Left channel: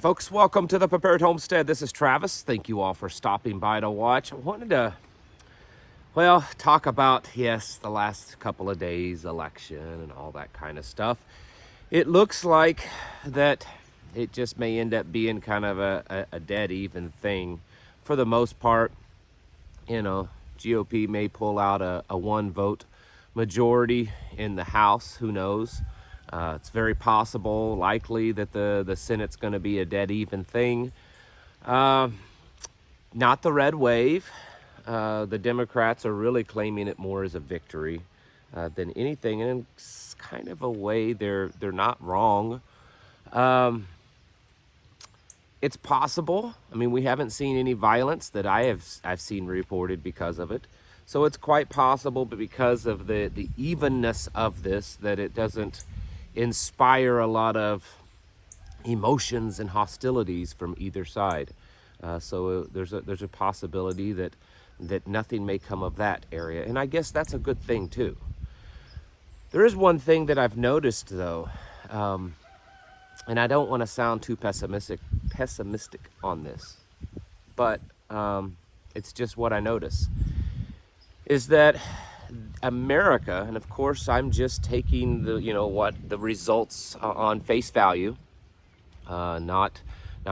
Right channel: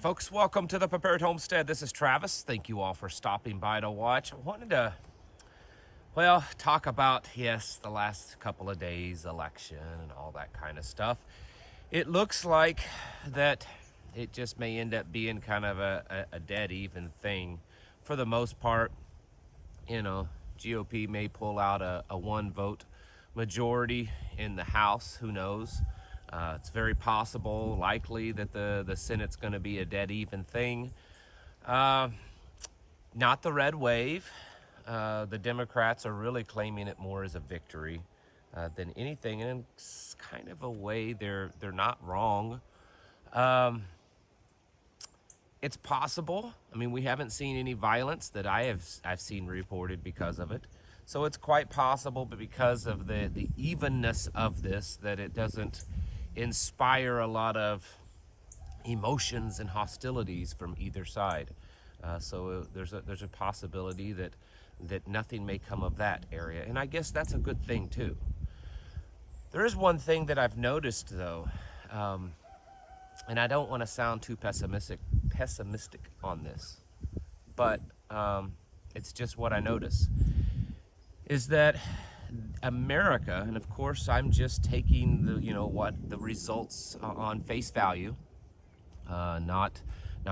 Folks, welcome to the Prepared Homestead. This is Travis. Thank you all for stopping by to watch. I wanted to, talk about, yes, the last couple of days, election and all that kind of stuff. It looks like that it just may end up being kind of a dead even thing. For the most part, GOP may pull out a one vote majority in the House, who knows? It's very possible, likely, that the Senate's going to be a dead even thing. Not the red wave. The Democrats are really claiming it more as a victory than anything, and in kind of a way, they're not wrong. It's possible. I mean, we haven't seen any violence that I've seen reported because of it. So it's quite possible, but because of the evenness of this, that it doesn't inspire a lot of emotions and hostilities from either side. So there's a possibility that nothing may come of that area, and I guess that's a good thing too. There is one thing that I've noticed though, and I don't want to sound too pessimistic on this, but it's just what I notice, is that America, and of course I'm just taking the results on face value, not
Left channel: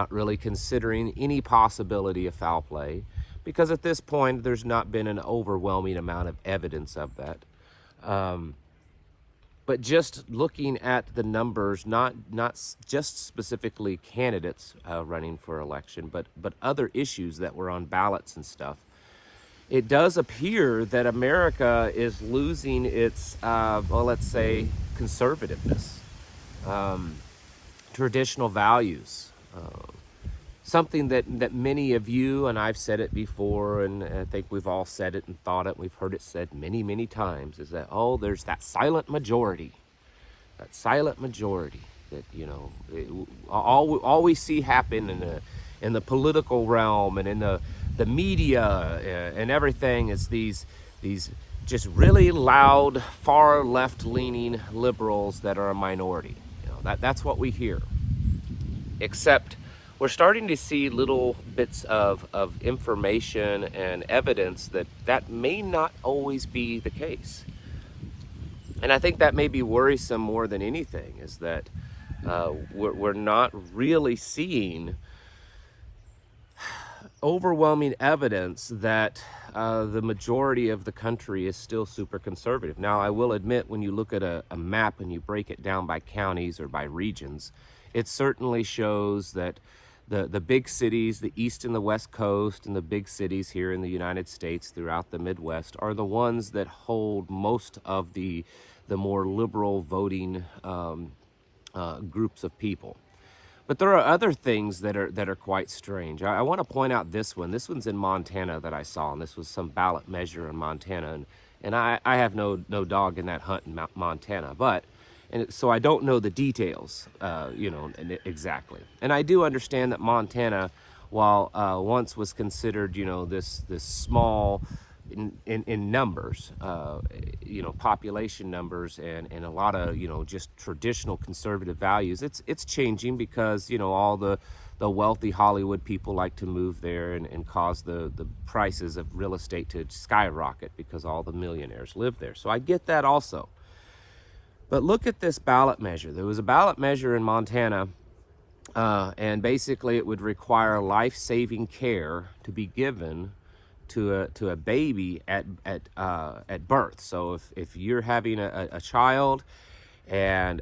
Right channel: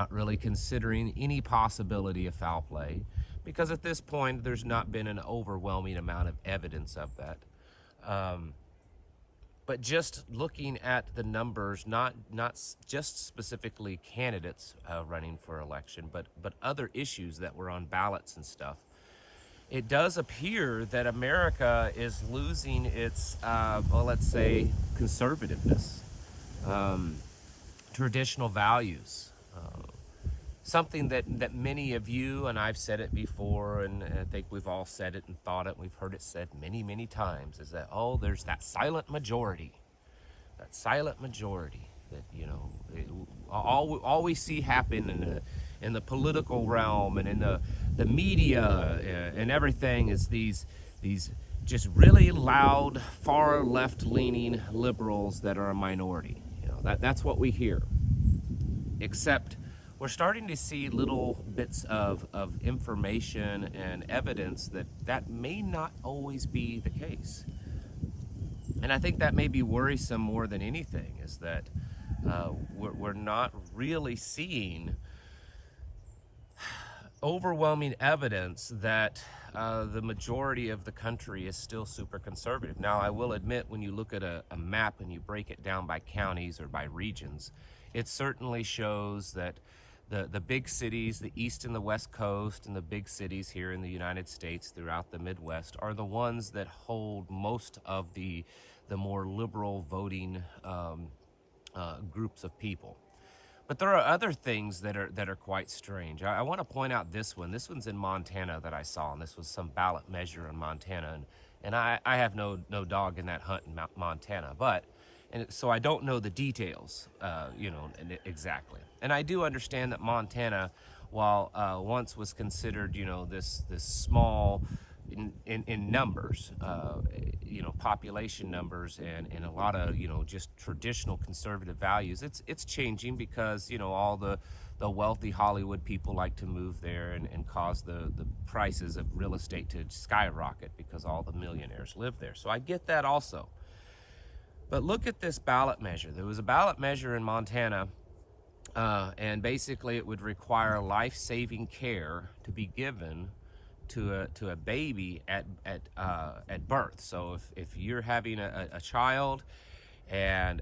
really considering any possibility of foul play, because at this point there's not been an overwhelming amount of evidence of that. But just looking at the numbers, not just specifically candidates running for election, but other issues that were on ballots and stuff, it does appear that America is losing its, let's say, conservativeness, traditional values. Something that many of you, and I've said it before, and I think we've all said it and thought it, we've heard it said many, many times, is that, there's that silent majority. That silent majority that, all we see happen in the political realm and in the media and everything is these just really loud, far left-leaning liberals that are a minority. That's what we hear. Except we're starting to see little bits of information and evidence that may not always be the case. And I think that may be worrisome more than anything, is that we're not really seeing overwhelming evidence that the majority of the country is still super conservative. Now, I will admit, when you look at a map and you break it down by counties or by regions, it certainly shows that the big cities, the East and the West Coast, and the big cities here in the United States throughout the Midwest are the ones that hold most of the more liberal voting groups of people. But there are other things that are quite strange. I want to point out this one. This one's in Montana that I saw, and this was some ballot measure in Montana, and I have no dog in that hunt in Montana, so I don't know the details, exactly. And I do understand that Montana, while once was considered, this small in numbers, population numbers and a lot of, just traditional conservative values, it's changing because, all the wealthy Hollywood people like to move there and cause the prices of real estate to skyrocket because all the millionaires live there. So I get that also. But look at this ballot measure. There was a ballot measure in Montana, and basically it would require life-saving care to be given to a baby at birth. So if you're having a child and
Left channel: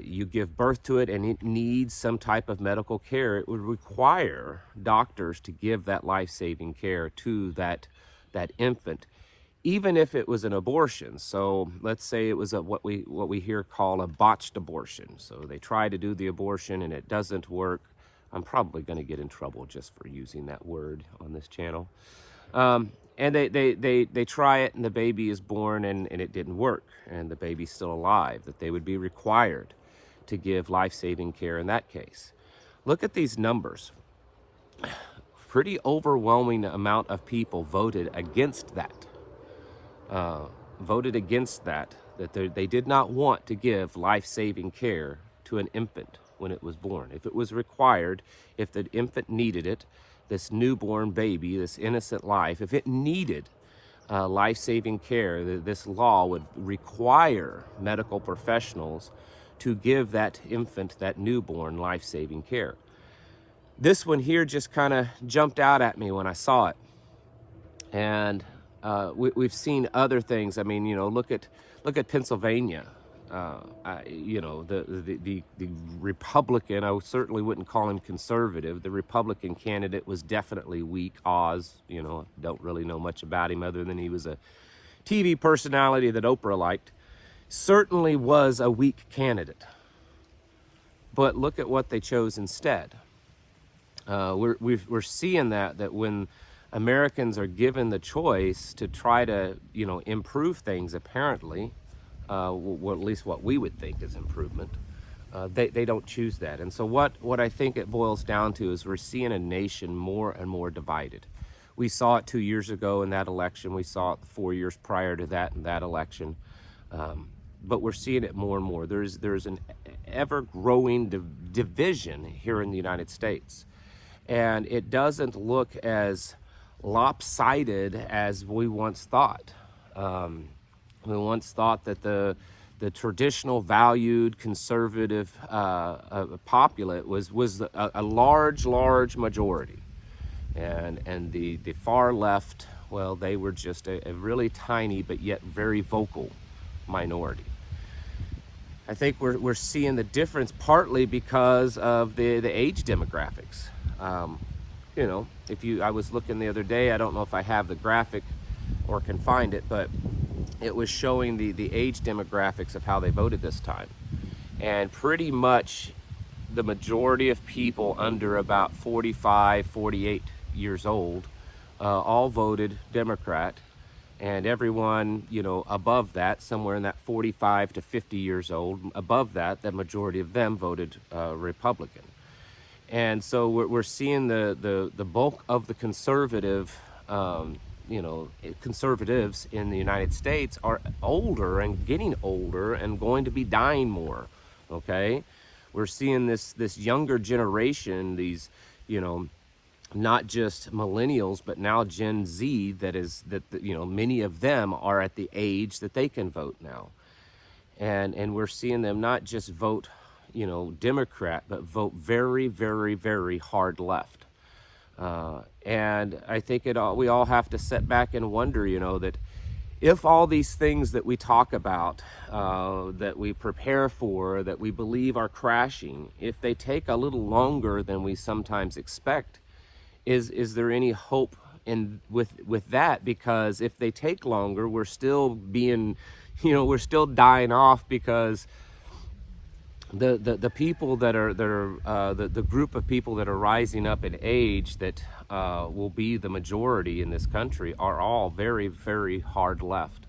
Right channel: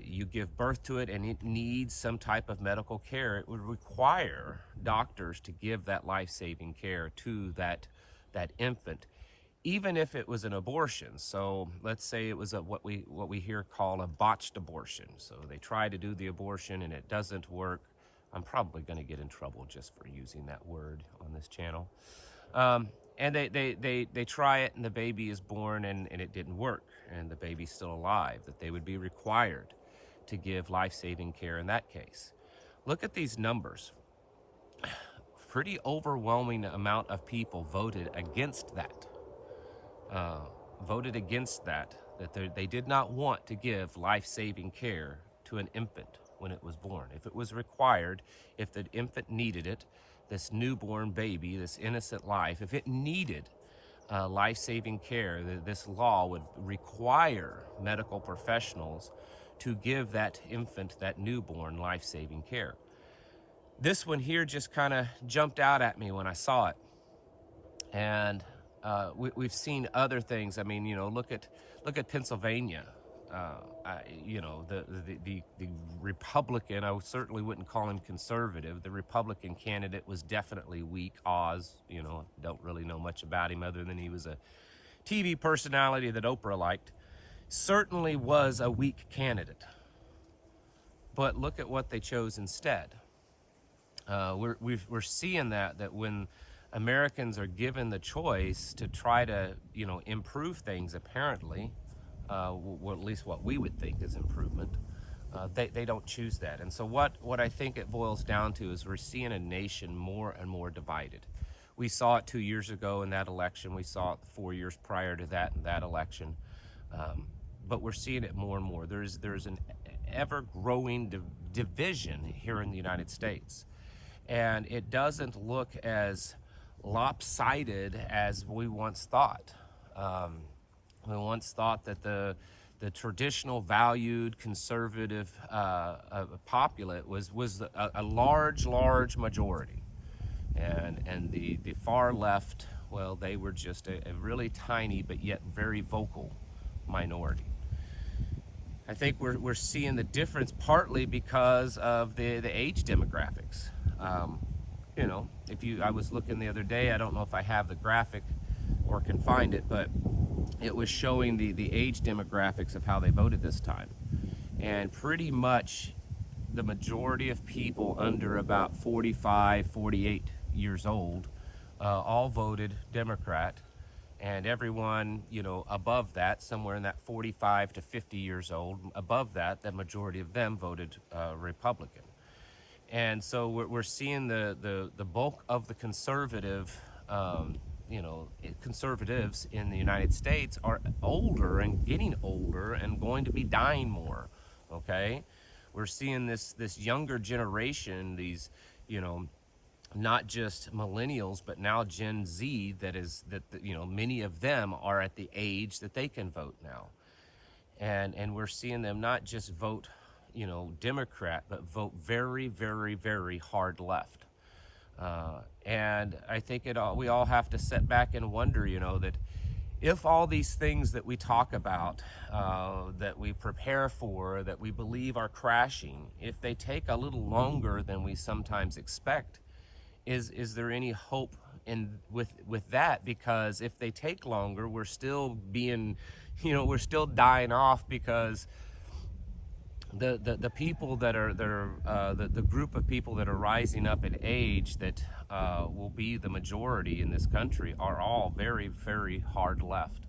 you give birth to it and it needs some type of medical care, it would require doctors to give that life-saving care to that infant, even if it was an abortion. So let's say it was what we here call a botched abortion. So they try to do the abortion and it doesn't work. I'm probably going to get in trouble just for using that word on this channel. And they try it and the baby is born and it didn't work and the baby's still alive, that they would be required to give life-saving care in that case. Look at these numbers. Pretty overwhelming amount of people voted against that. That they did not want to give life-saving care to an infant when it was born. If it was required, if the infant needed it, this newborn baby, this innocent life, if it needed life-saving care, this law would require medical professionals to give that infant, that newborn, life-saving care. This one here just kind of jumped out at me when I saw it. And we've seen other things. I mean, look at Pennsylvania. The Republican, I certainly wouldn't call him conservative. The Republican candidate was definitely weak. Oz, don't really know much about him other than he was a TV personality that Oprah liked. Certainly was a weak candidate. But look at what they chose instead. We're seeing that when Americans are given the choice to try to, improve things, apparently, well, at least what we would think is improvement, they don't choose that. And so what I think it boils down to is we're seeing a nation more and more divided. We saw it 2 years ago in that election. We saw it 4 years prior to that in that election. But we're seeing it more and more. There's an ever-growing division here in the United States. And it doesn't look as lopsided as we once thought. We once thought that the traditional, valued, conservative populate was a large majority, and the far left, well, they were just a really tiny but yet very vocal minority. I think we're seeing the difference partly because of the age demographics. I was looking the other day, I don't know if I have the graphic or can find it, but it was showing the age demographics of how they voted this time. And pretty much the majority of people under about 45, 48 years old all voted Democrat. And everyone, above that, somewhere in that 45 to 50 years old, above that, the majority of them voted Republican. And so we're seeing the bulk of the conservative, conservatives in the United States are older and getting older and going to be dying more, okay? We're seeing this younger generation, these, not just millennials, but now Gen Z, many of them are at the age that they can vote now. And we're seeing them not just vote, Democrat, but vote very, very, very hard left. And I think we all have to sit back and wonder, that if all these things that we talk about, that we prepare for, that we believe are crashing, if they take a little longer than we sometimes expect, is there any hope with that? Because if they take longer, we're still being, we're still dying off, because the people that are the group of people that are rising up in age that will be the majority in this country are all very, very hard left,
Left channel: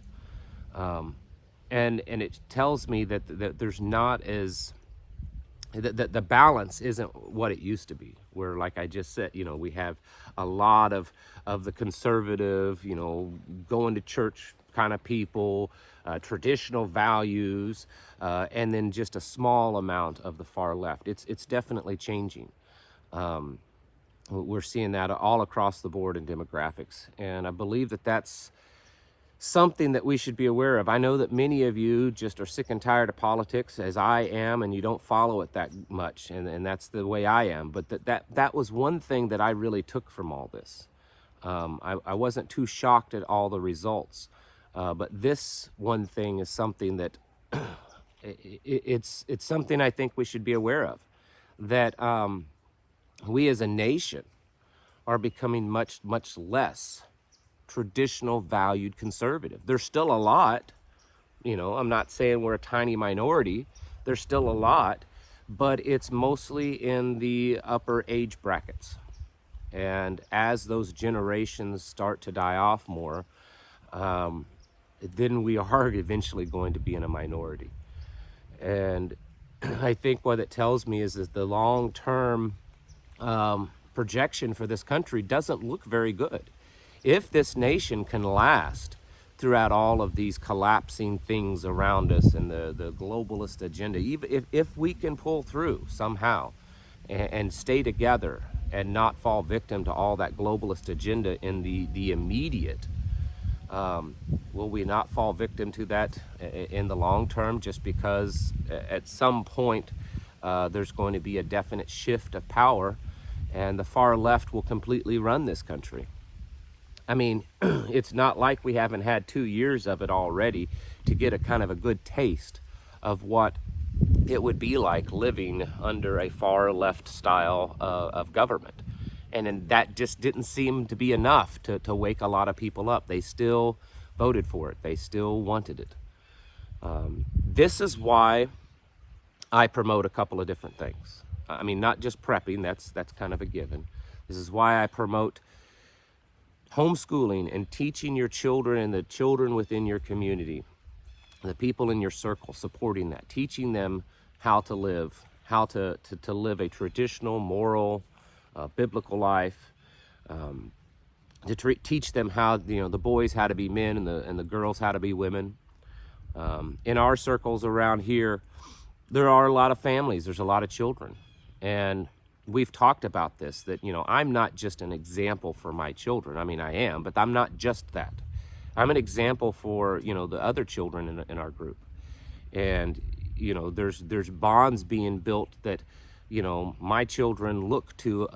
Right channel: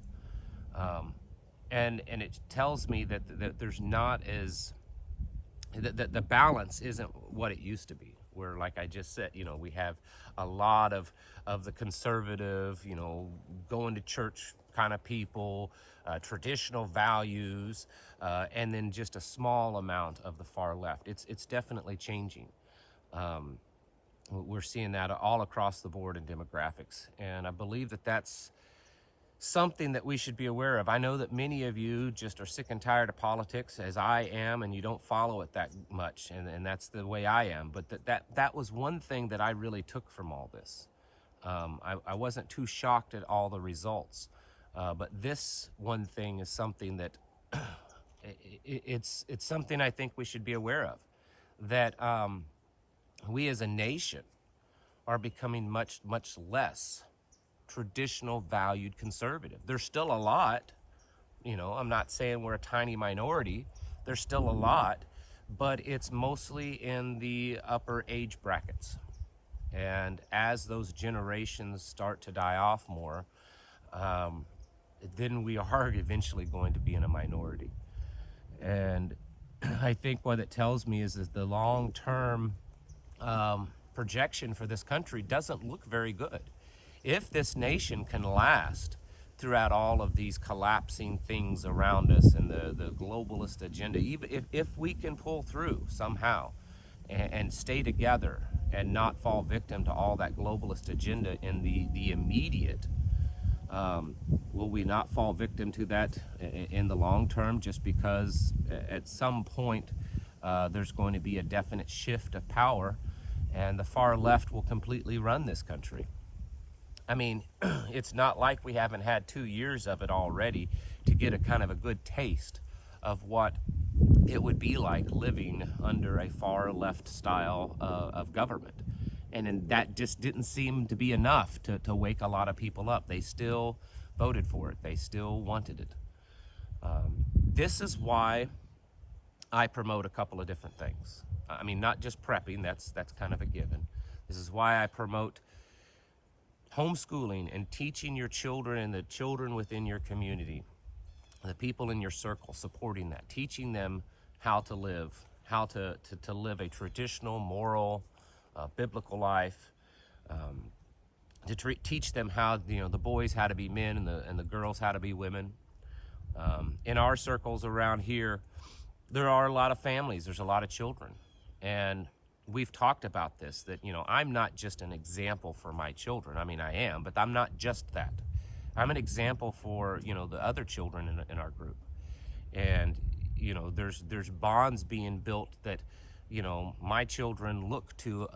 and it tells me that there's not as that the balance isn't what it used to be, where, like I just said, we have a lot of the conservative, going to church kind of people, traditional values, and then just a small amount of the far left. It's definitely changing. We're seeing that all across the board in demographics, and I believe that that's something that we should be aware of. I know that many of you just are sick and tired of politics, as I am, and you don't follow it that much, and that's the way I am. But that was one thing that I really took from all this. I wasn't too shocked at all the results, but this one thing is something that it's something I think we should be aware of, that we as a nation are becoming much less traditional, valued conservative. There's still a lot, I'm not saying we're a tiny minority, there's still a lot, but it's mostly in the upper age brackets. And as those generations start to die off more, then we are eventually going to be in a minority. And I think what it tells me is that the long-term projection for this country doesn't look very good. If this nation can last throughout all of these collapsing things around us and the globalist agenda, even if we can pull through somehow and stay together and not fall victim to all that globalist agenda in the immediate, will we not fall victim to that in the long term, just because at some point there's going to be a definite shift of power and the far left will completely run this country? I mean, it's not like we haven't had 2 years of it already to get a kind of a good taste of what it would be like living under a far left style of government. And that just didn't seem to be enough to wake a lot of people up. They still voted for it. They still wanted it. This is why I promote a couple of different things. I mean, not just prepping, that's kind of a given. This is why I promote homeschooling and teaching your children and the children within your community, the people in your circle, supporting that, teaching them how to live, how to live a traditional, moral, biblical life, to teach them how, the boys how to be men and the girls how to be women. In our circles around here, there are a lot of families, there's a lot of children, and we've talked about this, that, I'm not just an example for my children. I mean, I am, but I'm not just that. I'm an example for, the other children in our group. And, there's bonds being built that, my children look to,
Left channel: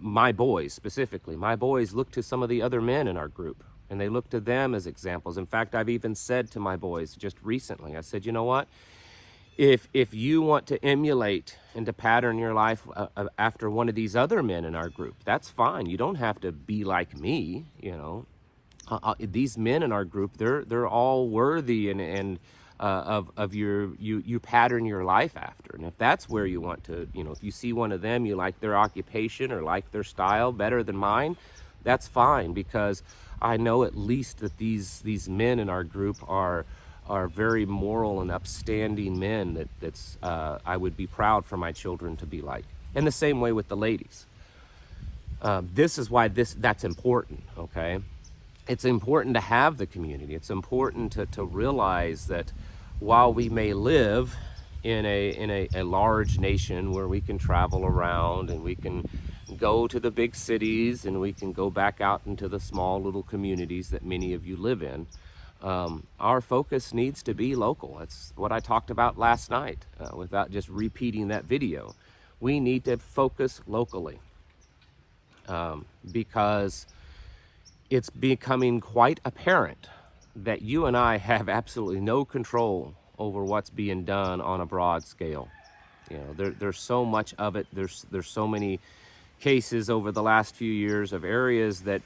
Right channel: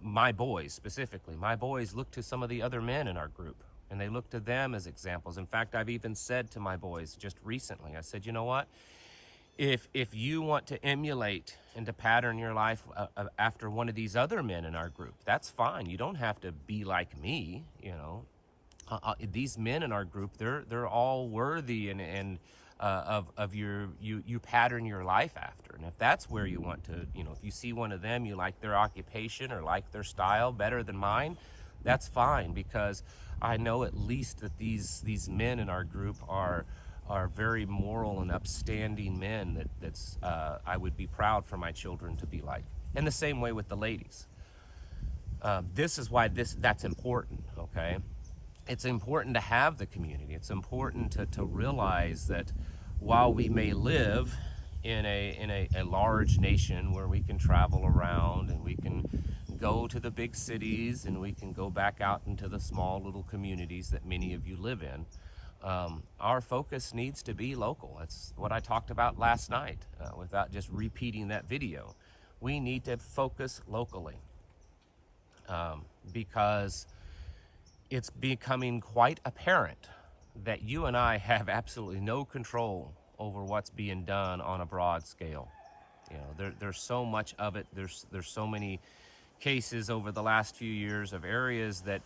my boys specifically, my boys look to some of the other men in our group, and they look to them as examples. In fact, I've even said to my boys just recently, I said, you know what? If you want to emulate and to pattern your life after one of these other men in our group, that's fine. You don't have to be like me, these men in our group, they're all worthy and of you pattern your life after. And if that's where you want to, if you see one of them, you like their occupation or like their style better than mine, that's fine, because I know at least that these men in our group are very moral and upstanding men that's I would be proud for my children to be like. And the same way with the ladies. This is why that's important, okay? It's important to have the community. It's important to realize that while we may live in a large nation where we can travel around and we can go to the big cities and we can go back out into the small little communities that many of you live in, our focus needs to be local. That's what I talked about last night, without just repeating that video. We need to focus locally, because it's becoming quite apparent that you and I have absolutely no control over what's being done on a broad scale. There's so much of it. There's so many cases over the last few years of areas that,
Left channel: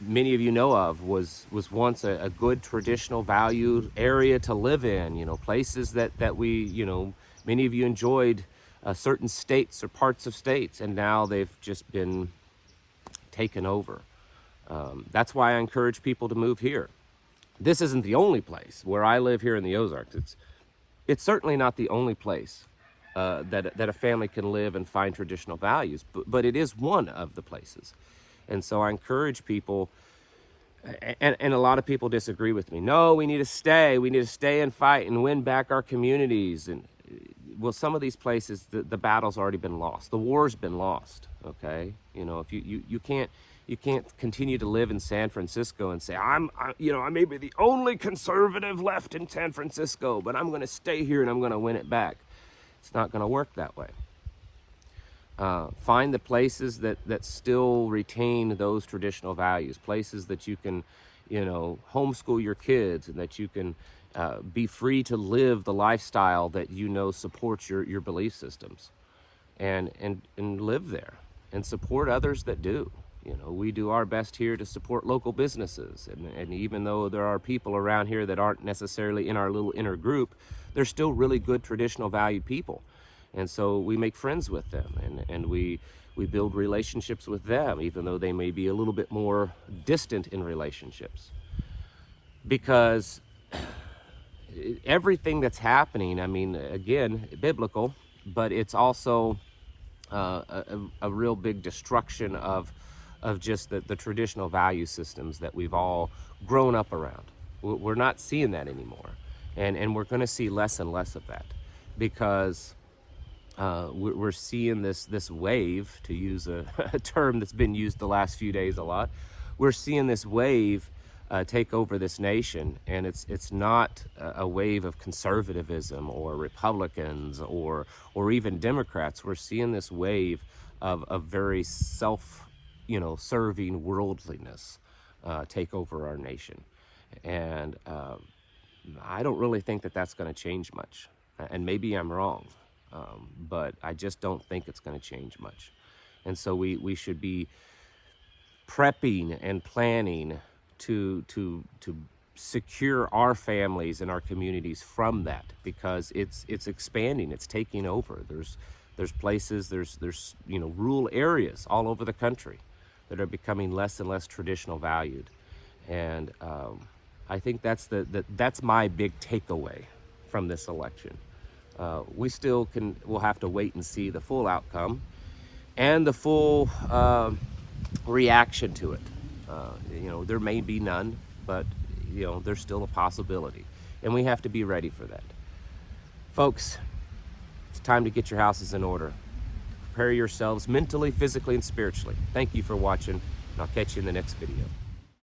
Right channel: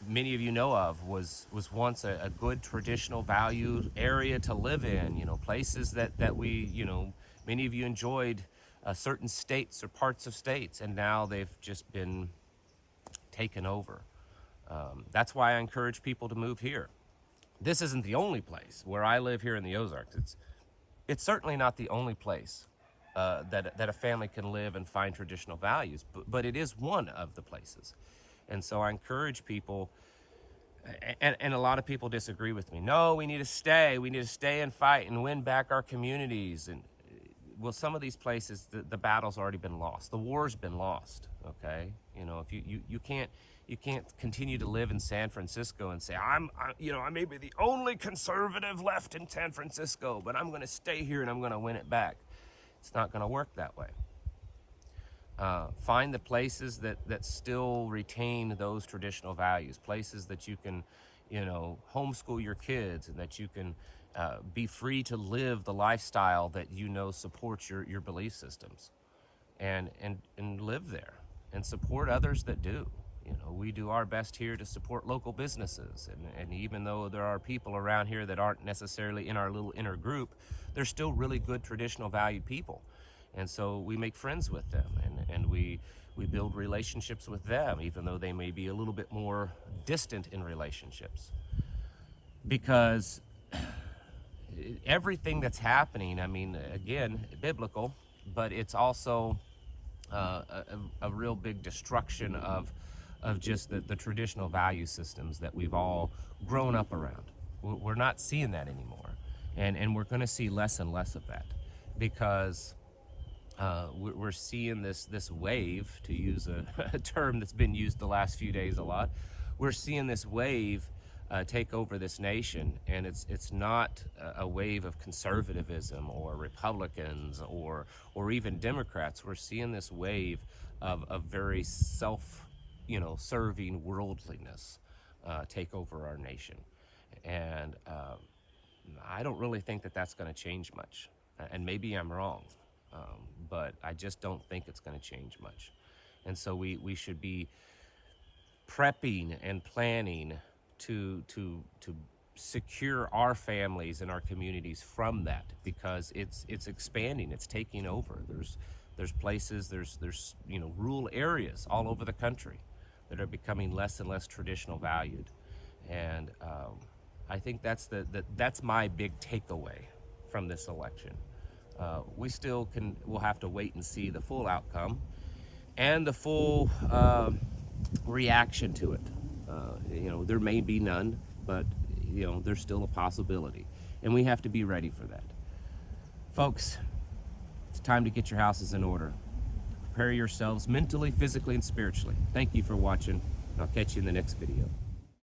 many of you know of was once a good traditional valued area to live in, places that we, many of you enjoyed certain states or parts of states, and now they've just been taken over. That's why I encourage people to move here. This isn't the only place where I live here in the Ozarks. It's certainly not the only place that a family can live and find traditional values, but it is one of the places. And so I encourage people, and a lot of people disagree with me. No, we need to stay and fight and win back our communities. And well, some of these places, the battle's already been lost. The war's been lost, okay? If you can't continue to live in San Francisco and say, I may be the only conservative left in San Francisco, but I'm gonna stay here and I'm gonna win it back. It's not gonna work that way. Find the places that still retain those traditional values, places that you can, homeschool your kids, and that you can be free to live the lifestyle that supports your belief systems, and live there and support others that do. We do our best here to support local businesses, and even though there are people around here that aren't necessarily in our little inner group, they're still really good traditional valued people. And so we make friends with them, and we build relationships with them, even though they may be a little bit more distant in relationships. Because everything that's happening, I mean, again, biblical, but it's also a real big destruction of of just the traditional value systems that we've all grown up around. We're not seeing that anymore. And we're going to see less and less of that, because we're seeing this wave, to use a term that's been used the last few days a lot. We're seeing this wave take over this nation, and it's not a wave of conservatism or Republicans or even Democrats. We're seeing this wave of very serving worldliness take over our nation, and I don't really think that that's going to change much. And maybe I'm wrong, but I just don't think it's going to change much. And so we should be prepping and planning to secure our families and our communities from that, because it's expanding, it's taking over. There's places, there's rural areas all over the country that are becoming less and less traditional valued, and I think that's my big takeaway from this election. We'll have to wait and see the full outcome and the full reaction to it. There may be none, but there's still a possibility, and we have to be ready for that. Folks, it's time to get your houses in order. Prepare yourselves mentally, physically, and spiritually. Thank you for watching, and I'll catch you in the next video.